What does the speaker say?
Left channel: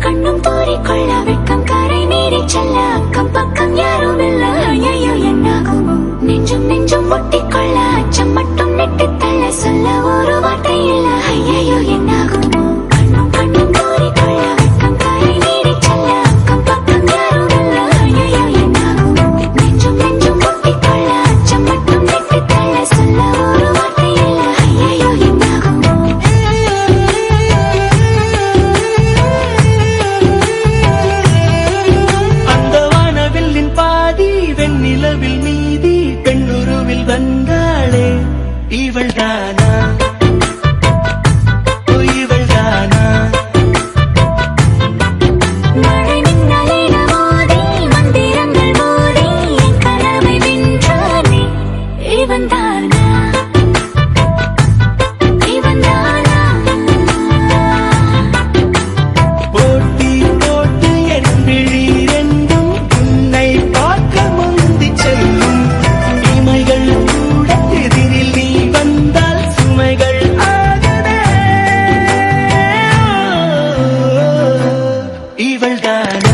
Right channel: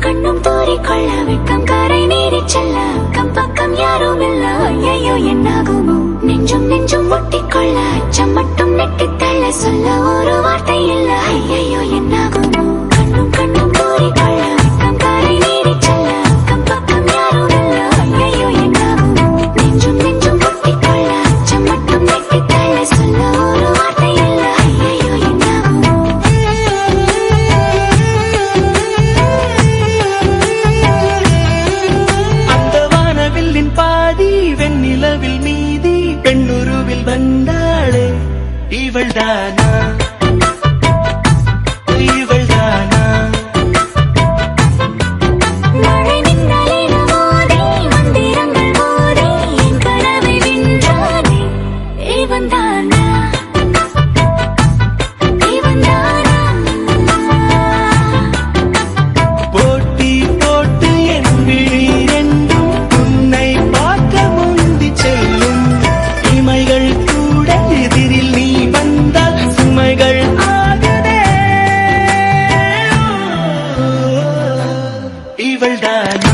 கண்ணும் தூறிக்கொள்ள வெட்கம் கரை நீடி செல்ல அக்கம் பக்கம் யாரும் இல்ல ஐயோ என்னாகுமோ நெஞ்சும் ஒட்டிக்கொள்ள அச்சம் மட்டும் நெட்டு தள்ள சொல்ல ஒரு வார்த்தை இல்ல ஐயோ என்னாகுமோ கண்ணும் தூறிக்கொள்ள வெட்கம் கரை நீடி செல்ல அக்கம் பக்கம் யாரும் இல்ல ஐயோ என்னாகுமோ நெஞ்சும் ஒட்டிக்கொள்ள அச்சம் மட்டும் நெட்டு தள்ள சொல்ல ஒரு வார்த்தை இல்ல ஐயோ என்னாகுமோ பாதி வெண்ணிலவில் மீதி பெண்ணுருவில் வந்தாளே இவள்தானா இவள்தானா மழை மின்னலில் மோதி மந்திரங்கள் மோதி என் கனவை வென்றானே இவன்தானா போட்டி போட்டு என் விழி ரெண்டும் உன்னை பார்க்க முந்தி செல்லும் இமைகள் கூட எதிரில் நீ வந்தால் சுமைகள் ஆகுதே இவள்தானா